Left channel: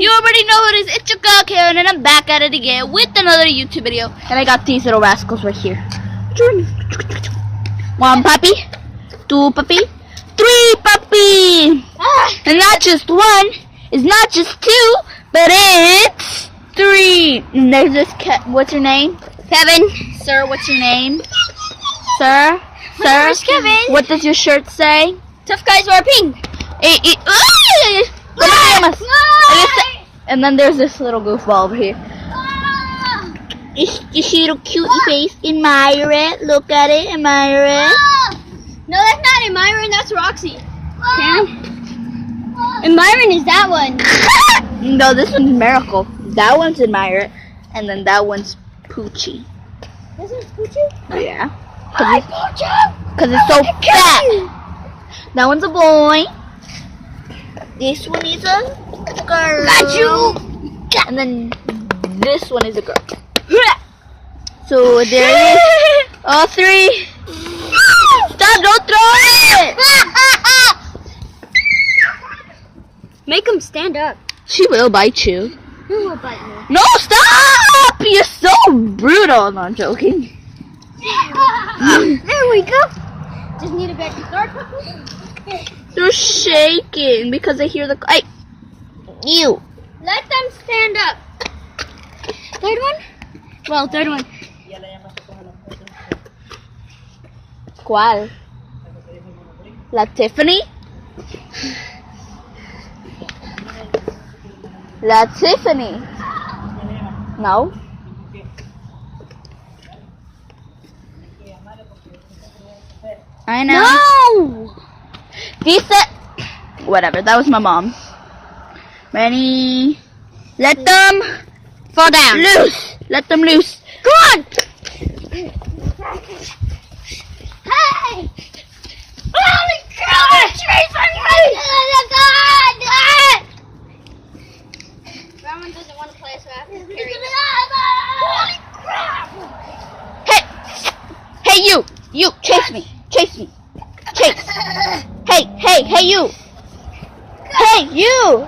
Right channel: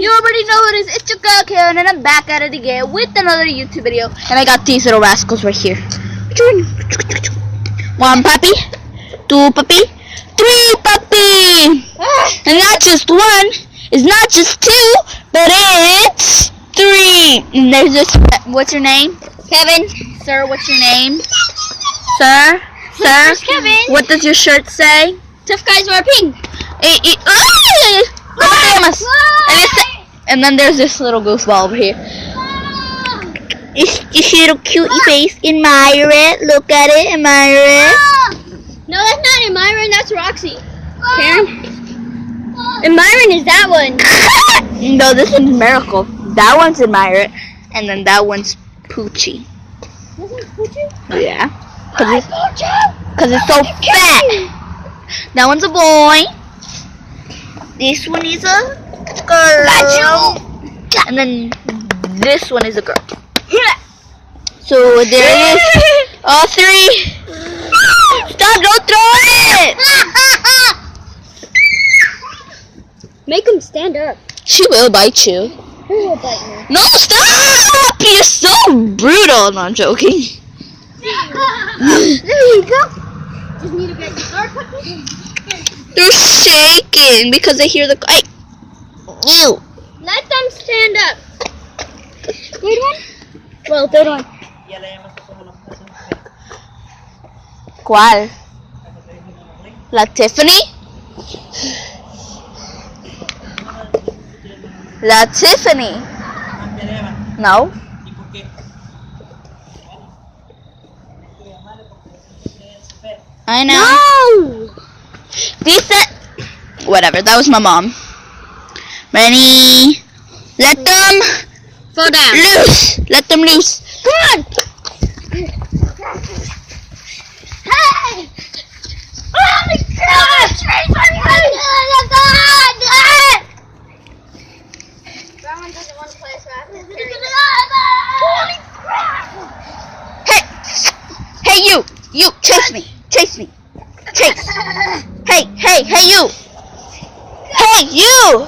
You already know what it is. It's your girl Karen, and I'm back at it again with another YouTube video. And I got these little rascals right here. 1 puppy, 2 puppy, 3 puppy. And not just 1. It's not just 2, but it's 3. And there's this cat. What's your name? Kevin. Sir, what's your name? Sir? Where's Kevin? What does your shirt say? Tough guys wear pink. And then there's this little goofball over here. This little cutie face. Admire it. Look at it. Admire it. No, that's not Admiring. That's Roxy. Karen. Admiring is that one. No, this one's Miracle. That one's Admire it. And then that one's Poochie. This is Poochie? Yeah. Hi, Poochie. Because it's so fat. That one's a boy. This one is a girl. Got you. And then this one is a girl. So there's all 3. Stop! Don't throw it! Make him stand up. She will bite you. Who will bite me? No, stop! You're so brutal. No, I'm joking. There we go. Just need a bed to start. They're shaking because they hear the. Hey. Ew. Let them stand up. Third one? Well, third one. ¿Cuál? La Tiffany? La Tiffany. No. I know. No! Decent. Whatever. That was my mom. Ready? Let them Fall down. loose. Let them loose. Come on! Hey! Holy crap! Trees on me! Rowan doesn't want to play, so I have to carry him. Holy crap! Hey. Hey, you. You. Chase me. Chase me. Chase. Hey, you. Hey, you.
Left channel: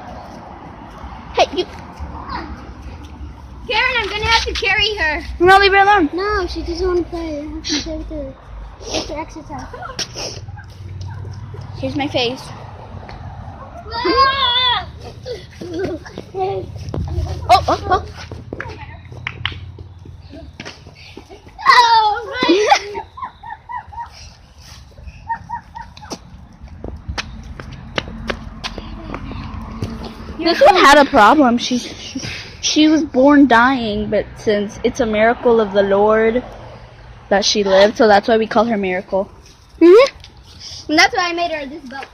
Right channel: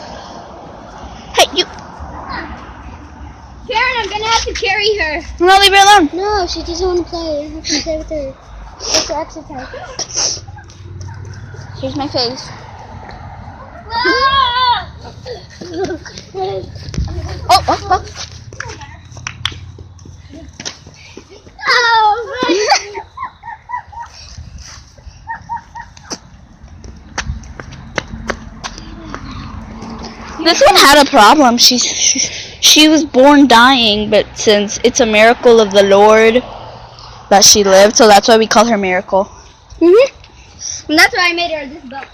Hey, you. Karen, I'm gonna have to carry her. No, leave me alone. No, she doesn't want to play. I have to play with her. It's her exercise. Here's my face. Oh. This one had a problem. She was born dying, but since it's a miracle of the Lord that she lived, so that's why we call her Miracle. And that's why I made her this belt.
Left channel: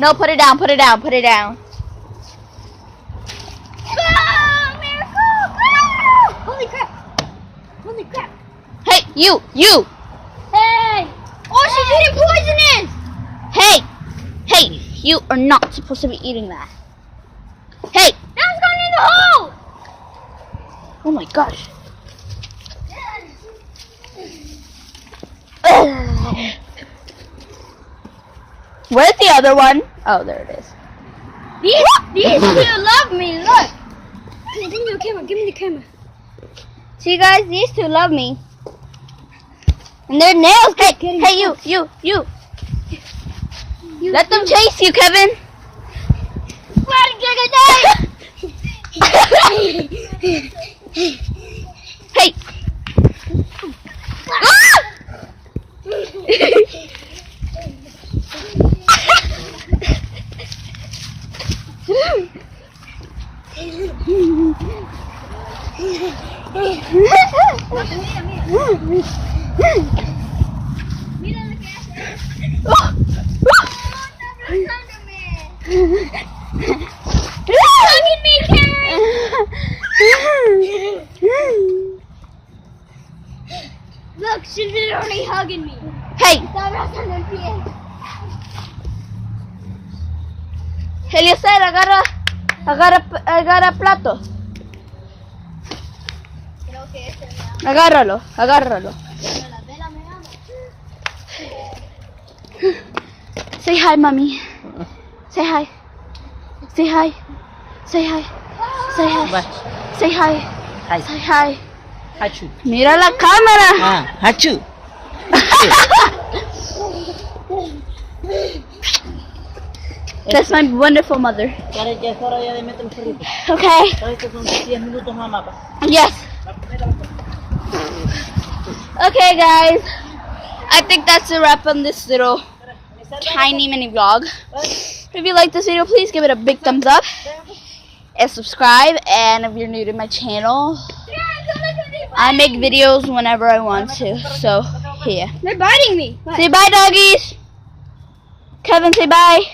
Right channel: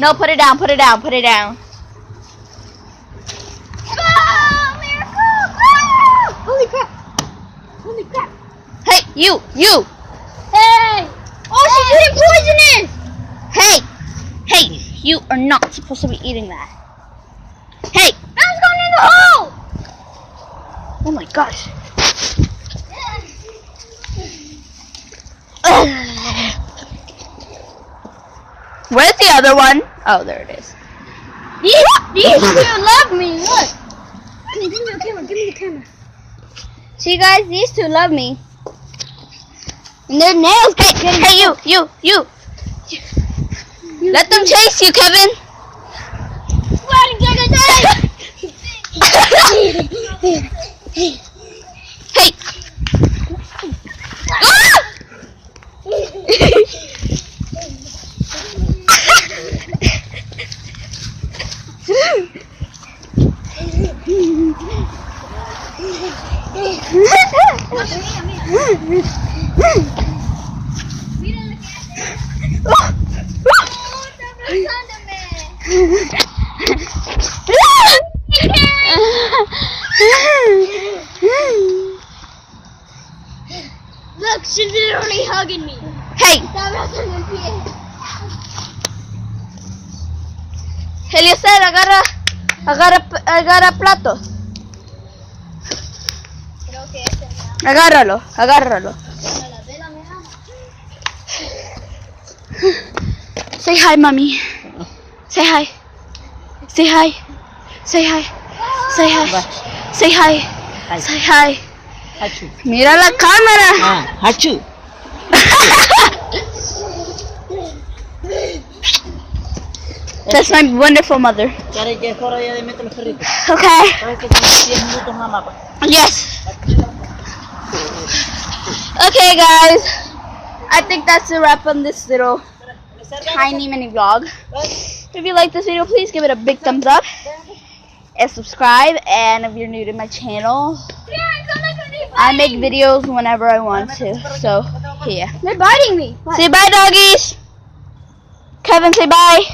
No, put it down, put it down, put it down. Holy crap! Holy crap! Hey, you! Hey! Oh, she's eating poisonous! Hey, you are not supposed to be eating that. Hey! Now it's going in the hole! Oh my gosh. Where's the other one? Oh, there it is. These two love me, look! Give me the camera, give me the camera. See guys, these two love me. And their nails get good. Hey, you! Let them chase you, Kevin! What are you gonna do? Hey! Mira lo que hace ella. Oh, está abrazando. Agárralo, agárralo. Say hi, mommy. Say hi. Say hi. Say hi. Say hi. Say hi. Say hi. Hachu. Mira la cámara. Ah, hachu. That's my wonderful mother. Cari, ya es hora ya de meter los perritos. Okay. Sabes que son 10 minutos, mamá. Yes. Okay, guys. I think that's a wrap on this little tiny mini vlog. If you like this video, please give it a big thumbs up and subscribe. And if you're new to my channel, I make videos whenever I want to. So, yeah. They're biting me. Say bye, doggies. Kevin, say bye.